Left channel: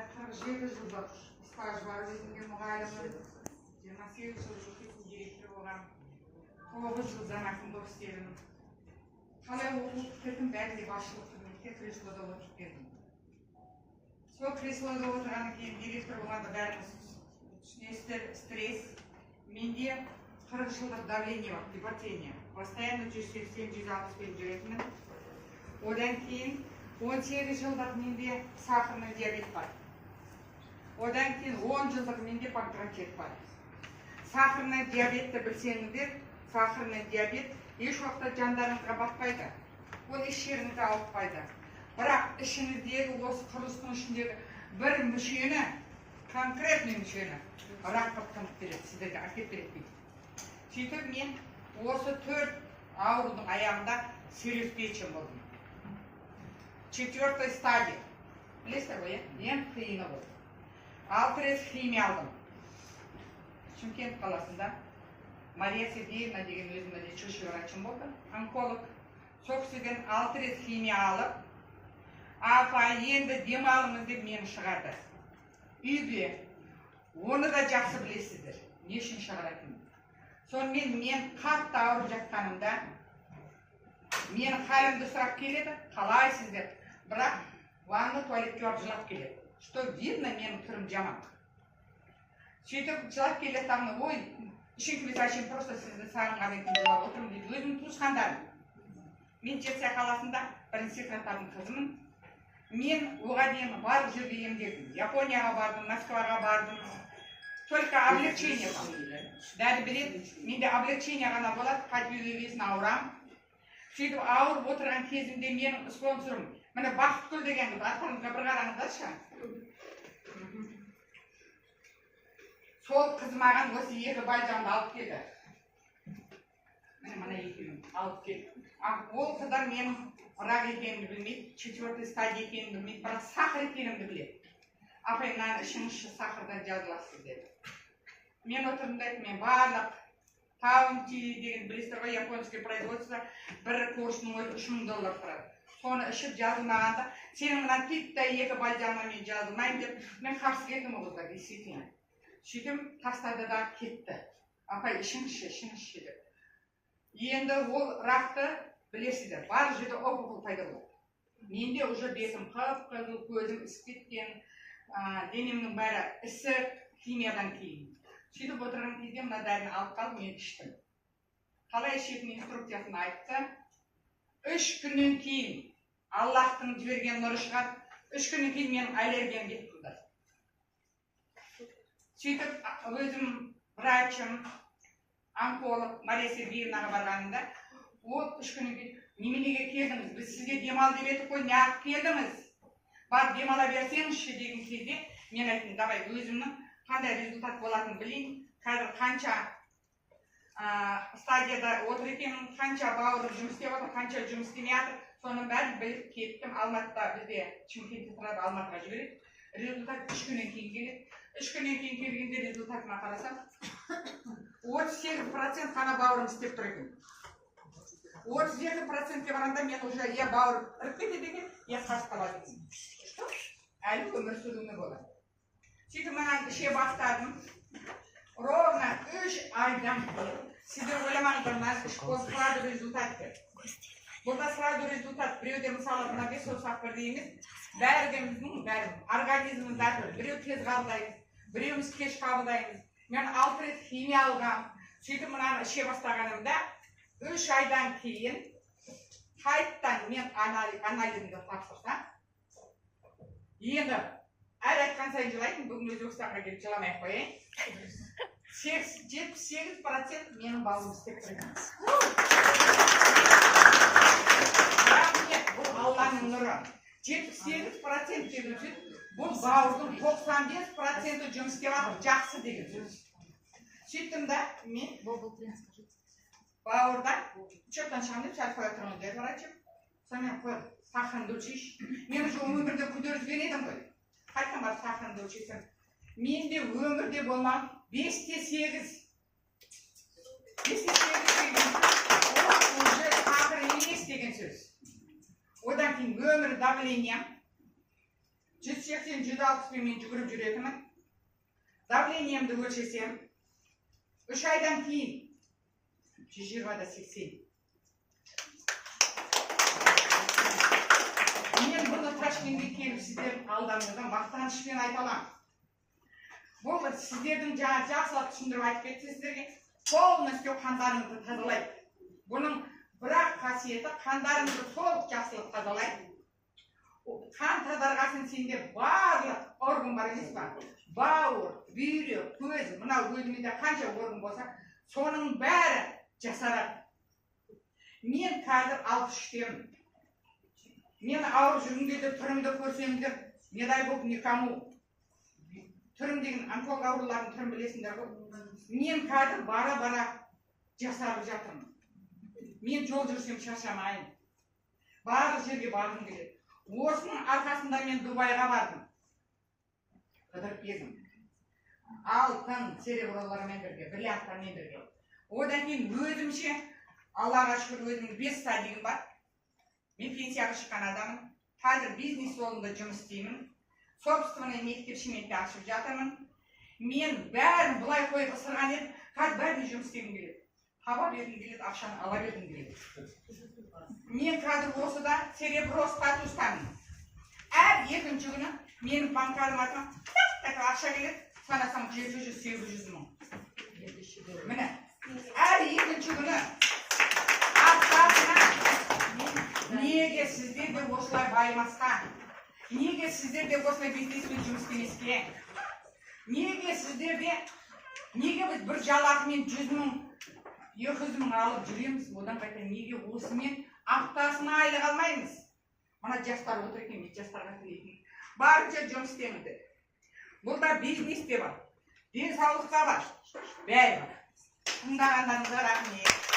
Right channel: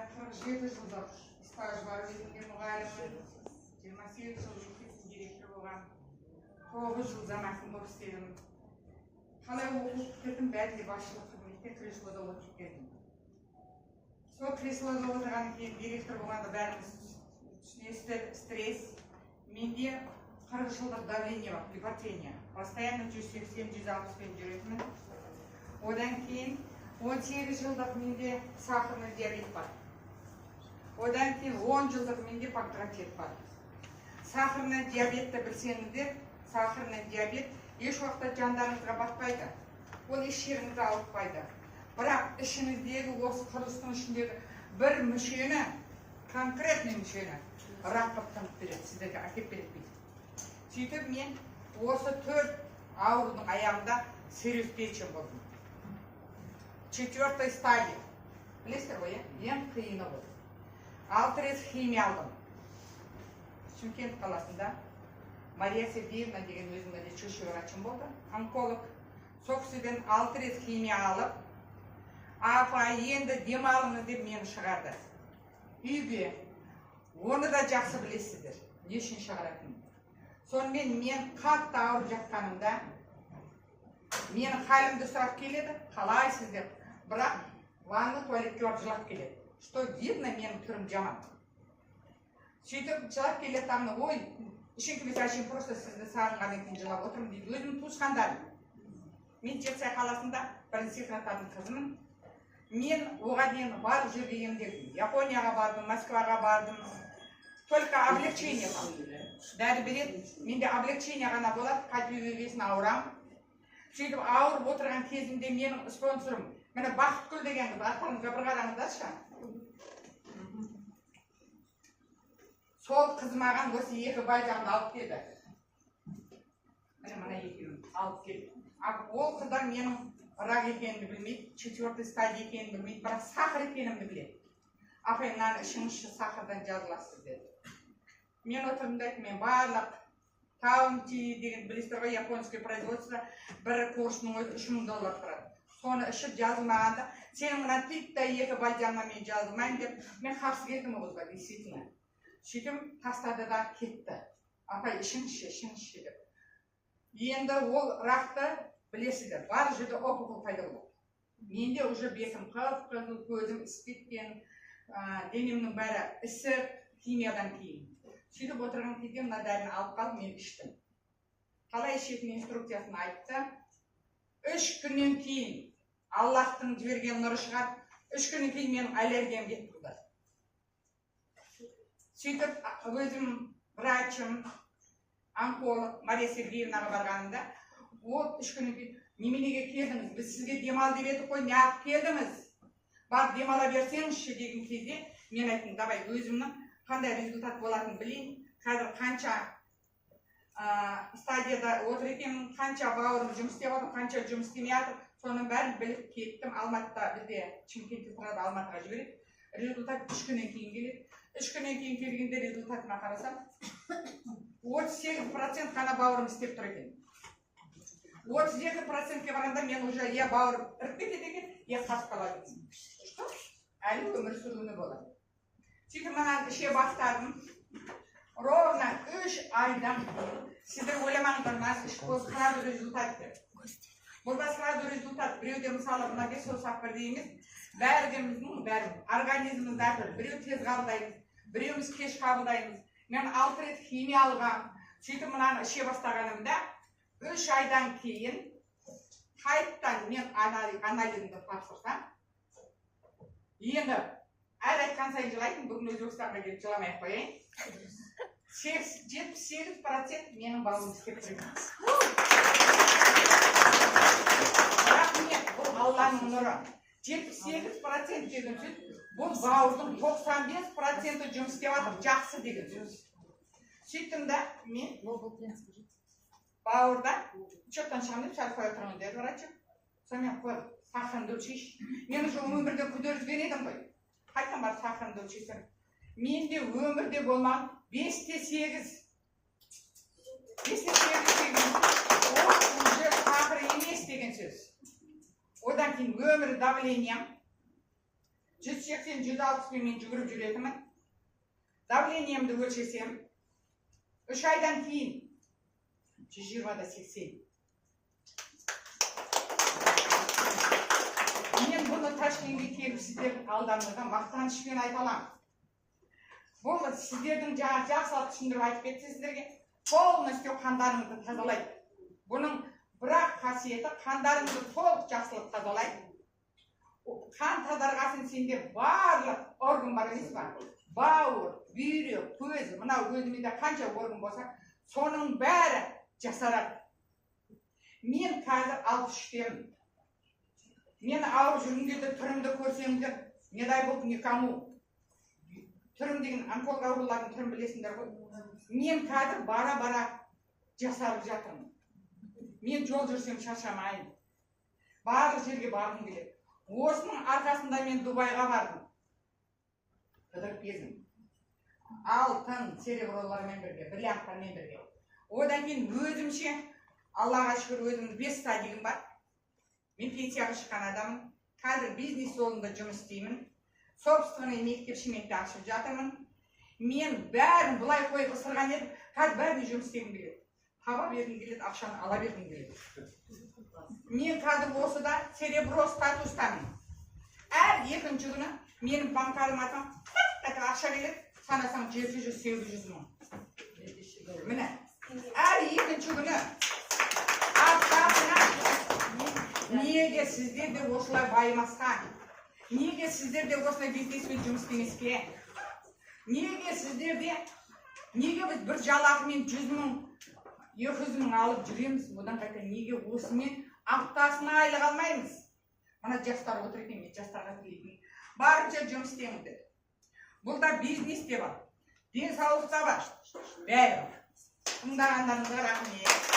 47 жылдық стаж бар өзімде мұғаліммін. 28 жыл мектептің директоры болғам. 9 жыл замақында істедім. Қалай оқып бітірдім, бәрінде басшылық қызметте креслода отырып келдім. Сол креслода отырғаннан кейін директор болғанда бәріміз түсінесіздер, стресс. Менде 40 жылдық давление бар, гипертония. Постоянно 180-160 жүретінмін. Одан кейін 18 жылдық менде сахарный диабет бар. Одан кейін 10 жылдық менде панкреатит бар. Сахарный диабетті білсеңіздер, сахарный диабет еш уақытта жандарыңызға батпайды. Ол еш жеріңізді ауыртпайды. Бірақ ішіңіздегі осы құрылыстың ішіндегі бір мүшені, конкретный мүшені рақ қылып береді, сіздерге әкеп береді. Сөйтіп мен осы 4 аурудың аяғында серьезтечен болдым. 4-й стадия. Білесіздер ғой, ең қиыны болды. 6 рет химия алдым. Шымкент қаласында Мария Сергеевна деген өзімде чушь врачым болды, онколог. Сол кісіден 6 рет химия алып, апа енді демалыңыз деп мені шығарды. Үйге. Оны да жақсы білесіздер. Не үшін шығаратынын. Сонымен мен қатты ауырып жатқанымда менің халімді сұрап келеді, қалайсыздар? Бірақ ванна туалетке барып жылап келеді. Что видно, менің түрім жаман. Сөйтіп жылап келеді тамны, ой, үшін кімес әшейін просто сізді сағынған екен жылап отырмын дейді. Өзімнің туысқандарым. Мен Жетісай қаласында бірінші сыныптардың қызымын. Мен оған дейін барлық жерге емделдім. Японияға бардым, Москваға бардым. Только облегчение бар. Дәрі береді, менде облегчение ғана болады, қайтып ауырам. Сөйтіп ауырып отырған кезімде менің спонсорым, міне Бақытгүл деген қыз, аттарыңызға бір қараңыздаршы. Сол қыз маған осы 2 байжанды алып келді. Міне екеуін алып келді. Ол қыздар менің рак екенімді білмейді, 4-й стадия екенімді білмейді, бірақ сахар екенімді біледі. Апай, мынаны ішіңізші сахардан жазыласыз деді. Мен отырдым да мен барлық таунти деген білесіздер ғой, японский производство бір курсының өзі $3000 тұрады. Соны ішіп жазылмағанда, сенің мына титтей 2 байжанға мен жазылмайын деп, мен қарсы келдім оғызға, действительно. Сөйтім тастады да кетті. Апай, ішіңізші деп. Енді ол рақты білесіздер, бар жерде опухол пайда болды. Менде уже бетім қып-қызыл, көзім ісіп кеткен, денемнің бәрі ісік, химиядан кейін. Сөйтіп отырған кезде мына дәріні алып қалып, мен іштім. Қалай ішетін инструкциясын айтты. 3 күннен кейін Аллахтың жіберген нұры шығады. 3 күннен кейін менің аллергиям кетіп қалды. Сөйтіп өзім врачым, онколог Мария Сергеевнаға барғанында, ол 3 күннен кейін неменеге келдіңіз? Біз сізге демал деп едік қой, неғып келдіңіз? Бар демала берсеңізші деген кезде мен айттым, давай өзімнің қандай результат болатынын білейін. Қазір қанша стадияда отыр екенмін, қанша бауырым жұмыс істеп отыр, қанша жұмыс істемей жатыр, соның бәрін біліп кеттім. Алматыда бізде Шымкентте тұрады, Алматыға жібереді. Результат 3 күннен кейін келеді. 3 күннен кейін келгенде результатыма қарасам, 38% қана бауырым істеп тұр екен. 32%-ке барғанда мен уже я бауырым іріп кетеді екен, я қашып қалады екен. Әлі өмір сүруіме болады. Сөйтіп мынаны іше бастадым. Ровно 3 айдан кейін сіздер ойламаңыздар, мына іш сразу результат берді. Бұлда сразу результат. Біреуде мысалы мына 5 саусақ бірдей емес, бәріміздің организміміз әртүрлі. Біреу тез қабылдаймыз, біреуміз кеш қабылдаймыз. Мен 6 рет химия алғам. Сөйтіп мынаны іше бастағанымда 3 айдан кейін қайттан мен анализімді тапсырсам, енді әр айтқан сайын жылайтын, бүгін Өзбекстанға келіп жыламай қояйын. 78% менің бауырым істеп тұрған. Рахмет, бұл Алланың нұры. 78% деген сөз, бұл бауырдың 95% жұмыс істеп жатыр, жақсы деген сөз. Сөйттім да, мен бауырда шөптен шығам деп шарып қоя тұрған деді врачым. Сонымен қой, сахарыңды өлшейші. Мен уже өмірде көтерілген едім ғой. Қайттан барып сахарыңды өлшейсем. Менде өмірде болмаған 5-те 8. 5-те 8 деген ол уже сахар емес деген сөз. Одан кейін өмір давлениям 180-160 мен жүгіріп жүретінмін. Давлениемді өлшесем, 3 айдан кейін 120-80. Мен бұны Ташкентке келіп сіздердің алдарыңызда мақтанышпен айта аламын. Бұл сіздердің жақсылап түсіндіріп айтып кетті сіздерге. Полностью қандарыңызды тазалайды. Бұның бірақ қасиеті қандарыңызды толық жақсылап тазалайды. Қан тазарғасын сенде барлық орган бар емес па? Бауыр, бүйрек, көз, мынау өзімде қанша орган болса, соның бәрі жасарады. Мен қазір 63-темін. Мен ауырып жүргім келді, түрімді көрсеңдер, не дай болып никому. Түрім деген онколог аурулардың түрін білесіңдер ғой. Мен қазір бара-бара жасарып жатырмын. Мен жол жүрсем шаршамайын. Барлық жерге барғым келеді. Осының арқасында мен Дубайға бардым. Қыдырып кезім. Алтын церебролармен бірге, бриллианттармен бірге. Одан кейін өзімше, Аллаға шүкір өзімнің 5 стадиям бар. Мен пенсияға шыққан адамын. Қазір бизнес жолында жұмыс істеймін. Собственный мектеп-шеметті ашып жатырмын. Мен бәрін бұлай қойып ысырған едім. Қазір бәрін жұмыс істегім келеді. Таба бергім келеді, ақшаны ала бергім келеді. Мен қазір осыда цереброз статустамын. Әр екінші күні менің банкарыма ақша келеді. Санасам 700-800 мың. Міне, әр екінші күні неге сіздер де осылай байымасқа? Неге сіздер де осылай бизнеспен жұмыс істемеске? Неге сіздер де, неге біз бір жалақымен 100 мың, 200 мың алып жүреміз? Одан қайта неге осымен аптасына айлық алмаймыз? Мына жастар отыр екен, мен жастарға тілейтін. Барынша жұмыс істеңіздер. Бұлда бизнес те бар, денсаулық та бар, бәрі бар. Тыңдағандарыңызға рахмет.